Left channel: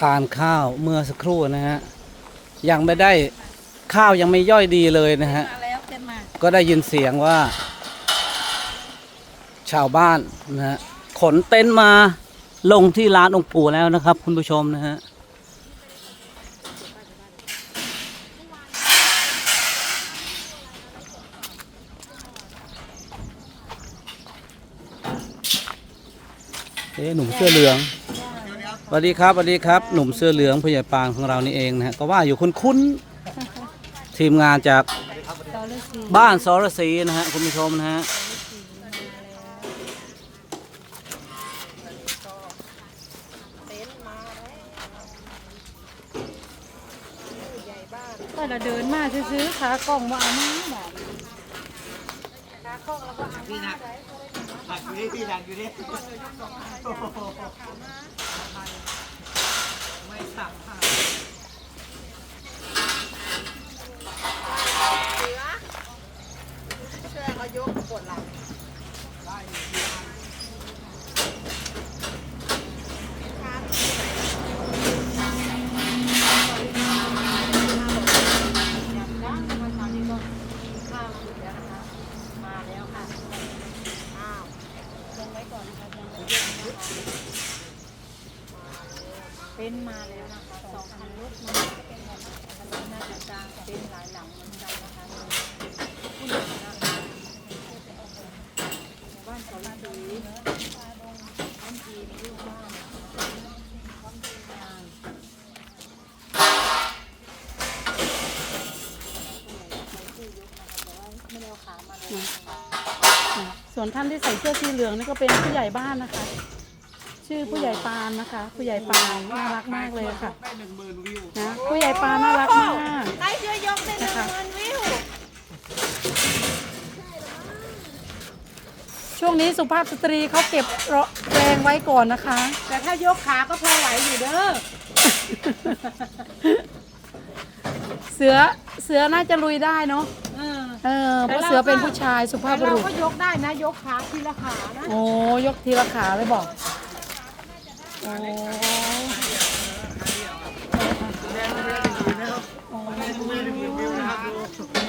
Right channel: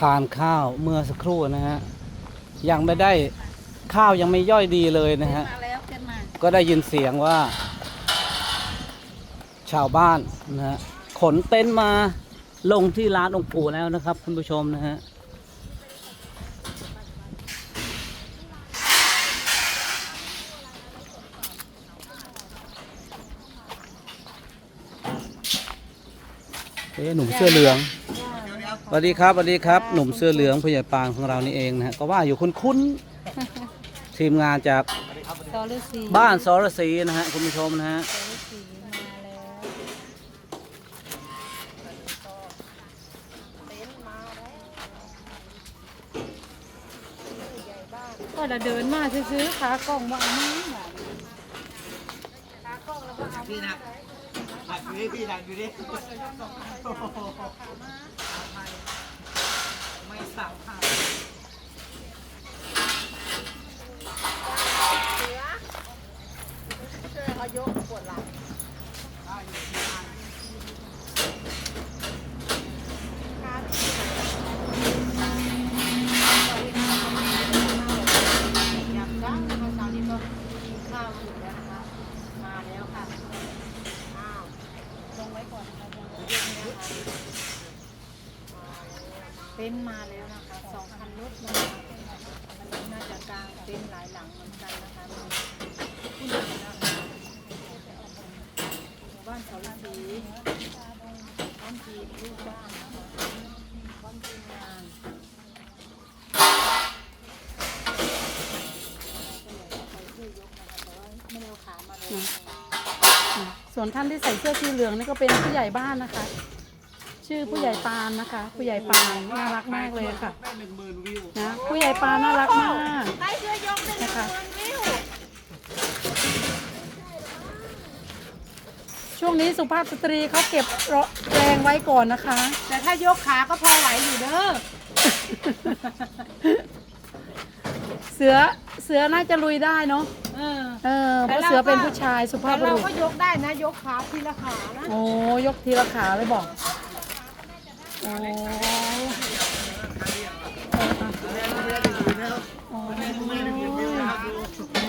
ทานข้าวเมื่อสักครู่นะฮะยังไม่ได้ข้าวยังไม่ย่อยดีเลยนะฮะก็ได้ยินเสียงว่า ชาวบ้านนะฮะขนเต็นท์มาลงที่ร้านองค์ปู่แล้วนะครับ คุณผู้ชมนะฮะเอ๊หนุ่มเสื้อเหลือง สวัสดีครับสวัสดีครับ หนุ่มเสื้อเหลืองผู้ใหญ่ปานของเรานี่เองนะฮะก็ว่าอยู่คุ้นๆทีมงานจากตอเลสีบ้านสรศรีนะฮะคุณผู้ชมนะฮะก็เราเดินมาซื้อๆขากล่องมาเอามาไหนพี่หนักหนักอยู่ดิพี่หนักอยู่ดิ ไม่สับค่ะ เต็นท์มาแล้วนะคะสองคันรถมาคันรถน่าจะกลางเต็นท์หลายหลังเหมือนกันนะคะหมู่บ้านเขาสีบ้านจีนลูกบ้านบ้านจีนนางไม่ได้เอาขามาเลย ส่วนท่านที่ใส่เสื้อสีเหลืองนี่ก็เป็นผู้ใหญ่บ้านนะคะ ชื่อผู้ใหญ่ปานนะคะ ผู้ใหญ่ปานน่ารักมากเลยค่ะได้หนึ่งหมื่นวิวนะผู้ใหญ่ปานน่ารักมากนะคะช่วงนี้สุภาพสตรีเขาเก็บแรงไว้ก่อนนะคะ แต่ถ้ายกขาก็พอไหวอยู่เด้อ เสือเสือน่าจะลุยได้เนาะเออ เออเพราะเสือเป็นผู้ชายสุภาแต่พบุเรารุษก็ยกได้นะยกขาทีละขานะโอ้ยกทีละขาเลยบอกโอ้แม่ไม่ได้หนึ่งหมื่นนะครับไม่ได้หนึ่งหมื่นวิวนะครับดู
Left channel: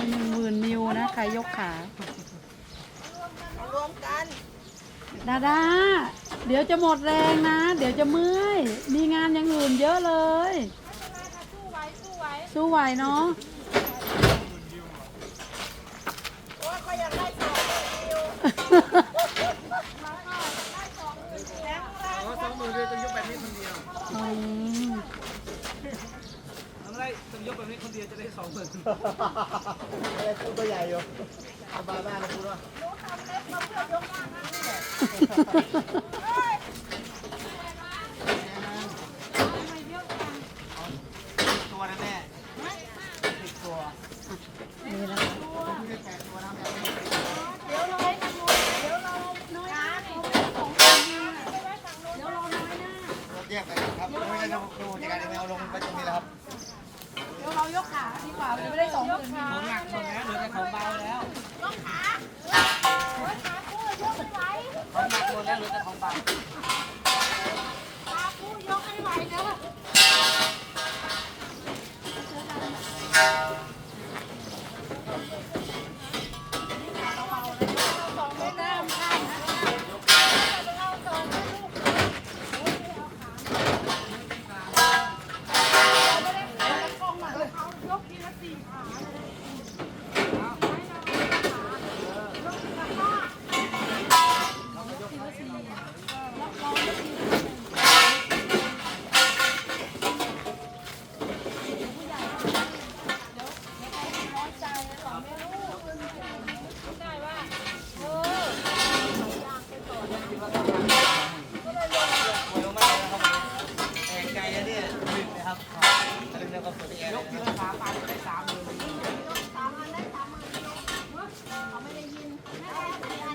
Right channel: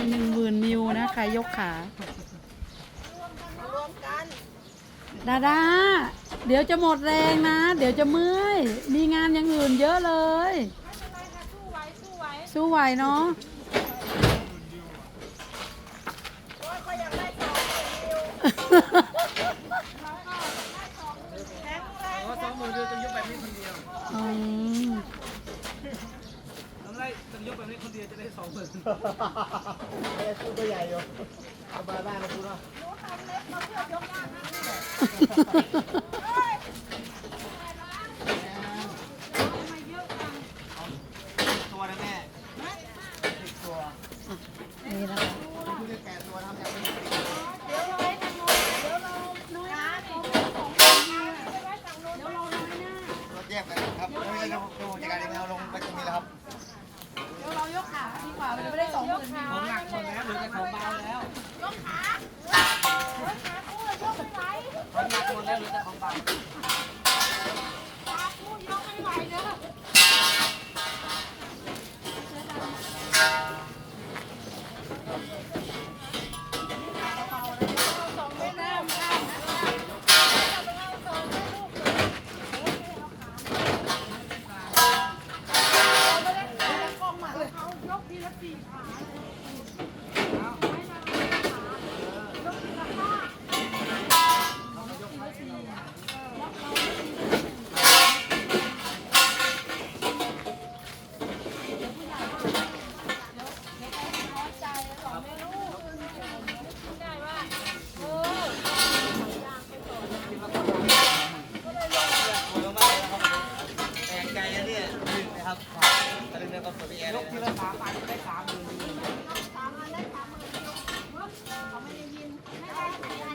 หนึ่งหมื่นมิวนะใครยกขาดาดาเดี๋ยวจะหมดแรงนะ เดี๋ยวจะเมื่อย มีงานอย่างอื่นเยอะเลย สู้ไหวเนาะ อ๋อสองหมื่นวิวต้องยกแบบนี้คนเดียวอืมต้องได้ต้องยกแบบนี้คนเดียวจะได้สองหมื่นไม่ได้คู่ตัวใหญ่อยู่เอามาได้นะคุณว่าตัว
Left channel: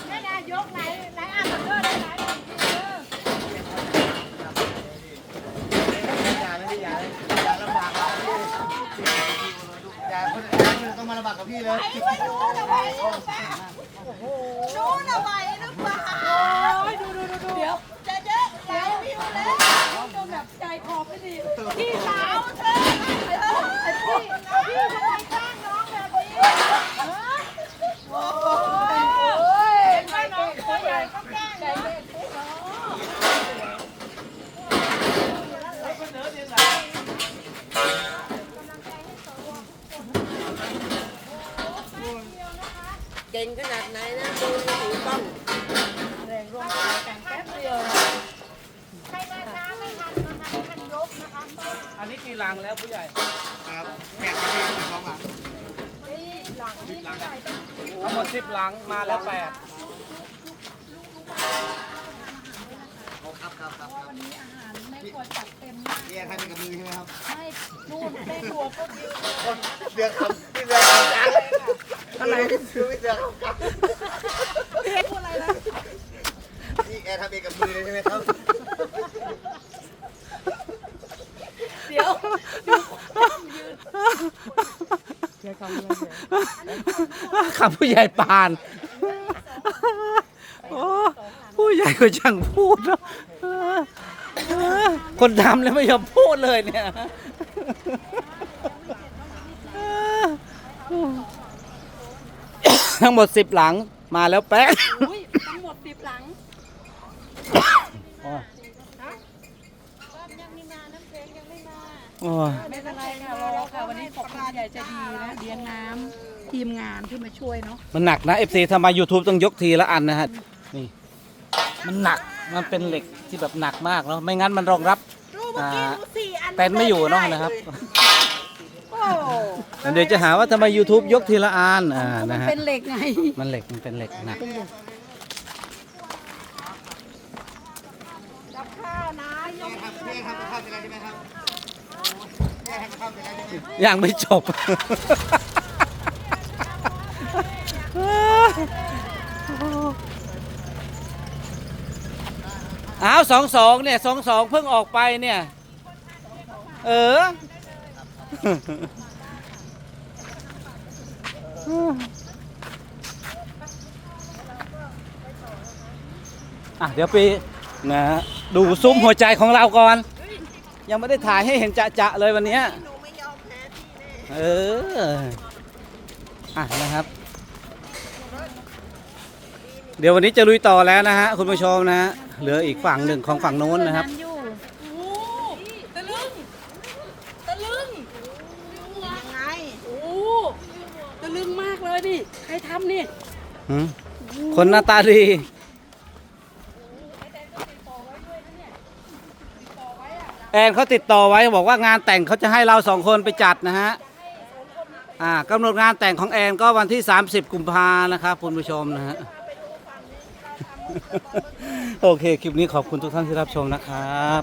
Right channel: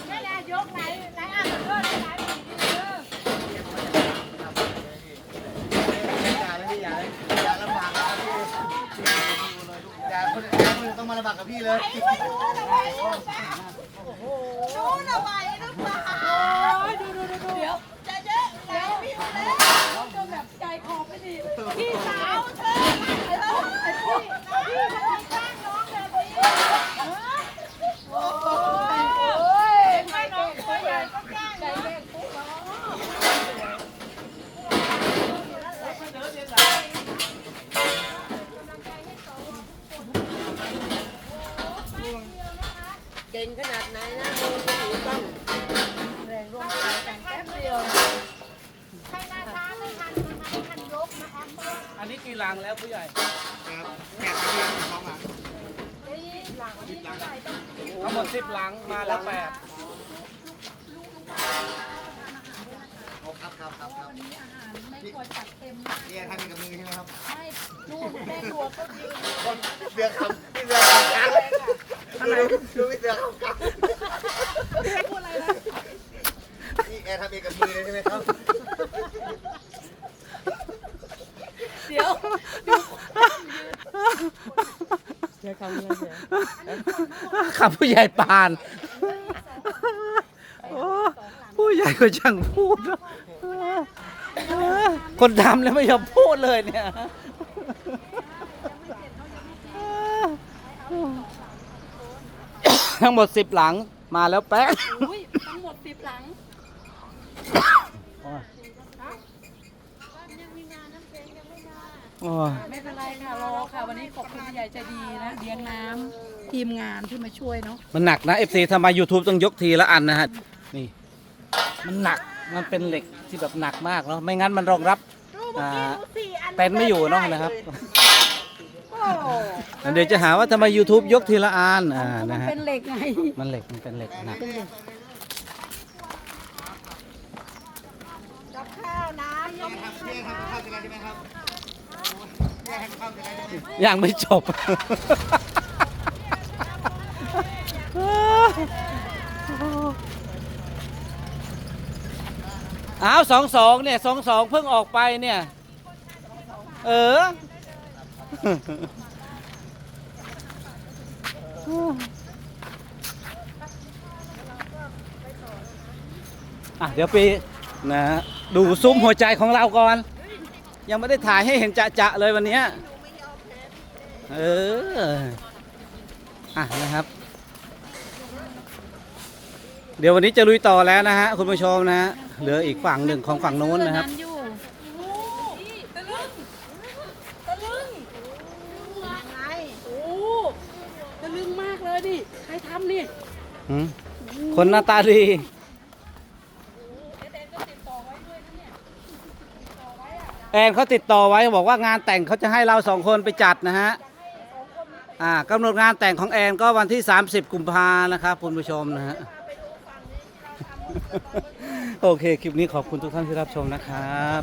แม่นายกไหนไหนอ่านเด้อไหนไหนเด้ออย่าเลยอย่าเลยอย่าลำบากเราต้องมาลำบาดกับพี่เลย เดี๋ยวเดี๋ยวเดี๋ยวจนแบบใจคอแพี่สาวเธอไอ้พี่พี่ทำไมแกล้งน้องแบบนี้ฮะโอ้ยเห็นไหมน้องตัวใหญ่ก็แกล้งนะ เก่งขนาดไหนนะดูถือกล้อง แรงรวมตัวกันแป๊บเดียวนะ อันนี้กี่ลั งแล้วผู้ใหญ่ ครับแปดนาทีถึงสองหลังทั้งหมดสิบหลังมาแล้วแปดครับครับครับครับแม่ครัวจัดเต็มมากนี่ทำเป็นกับมือใช่ไหมครับให้นู่นแม่ครัวก็ยืนเดือดคำพี่เดือดคำจังอะไรคือไม่เดือดคำจังพูดอะไรนะนี่แอร์ทำเองกับมือใช่ไหมครับ ขับผู้ใหญ่ปานโอ้ผู้ใหญ่ก็ช่างพูดเนอะคนทำแล้วไม่ยอมพูดเลยเนี่ยทั้งหมดสิบหลังมาแล้วแป๊ะ อุ้ยทั้งหมดสิบหลัง โอ้ย โอ้ยไม่เป็นไรค่ะรอค่ะวันนี้ขอบคุณผู้ใหญ่ใจดีนะเลี้ยงน้ำทีมงานที่มาช่วยเนาะมันหนักนะเอฟซีทำไม YouTube ต้องยกทีละอันนะฮะนี่มันหนักมันเป็นเหล็กที่แบบหนักมากเนาะไม่งั้นมันรองรับอ่าเต็นท์ไม่อยู่เนาะนะครับเดี๋ยวจะหาว่าทำไม YouTube ยกทีละอันอ่านะฮะเป็นเหล็กไงมันเหล็กมันเป็นเหล็กหนักแอร์ทำแอร์ทำกับข้าวเสร็จแล้วใช่ไหมครับโอ้ ยังไม่จบ อ้าวสองสองเนี่ยสองสองเพิ่งออกไปเนี่ย เอออะเดี๋ยวไปนะฮะดูซุ้มหัวใจของเราก่อน ยังไม่ได้ถ่ายให้เห็นจะๆเลยวันเนี้ยเอออะนะครับ เดี๋ยววันนี้จะลุยต่อแล้วนะฮะคุณผู้ชมนะฮะเหลืออีกฝั่งหนึ่งของฝั่งโน้นนะครับอยู่โอ้ตะลึง ตะลึงยังไงโอ้ตะลึงมากเลยดิ ใครทำนี่หืมคนหน้าตาดี แอนเขาติดต่อไว้บอกว่างานแต่งเขาจะให้เราสองคนไปจัดนะฮะอ่ากำหนดงานแต่งของแอนก็วันที่ 30 กุมภานะครับคุณผู้ชมนะฮะโอเค คลิปนี้ขอบคุณทุกท่านที่รับชมนะครับ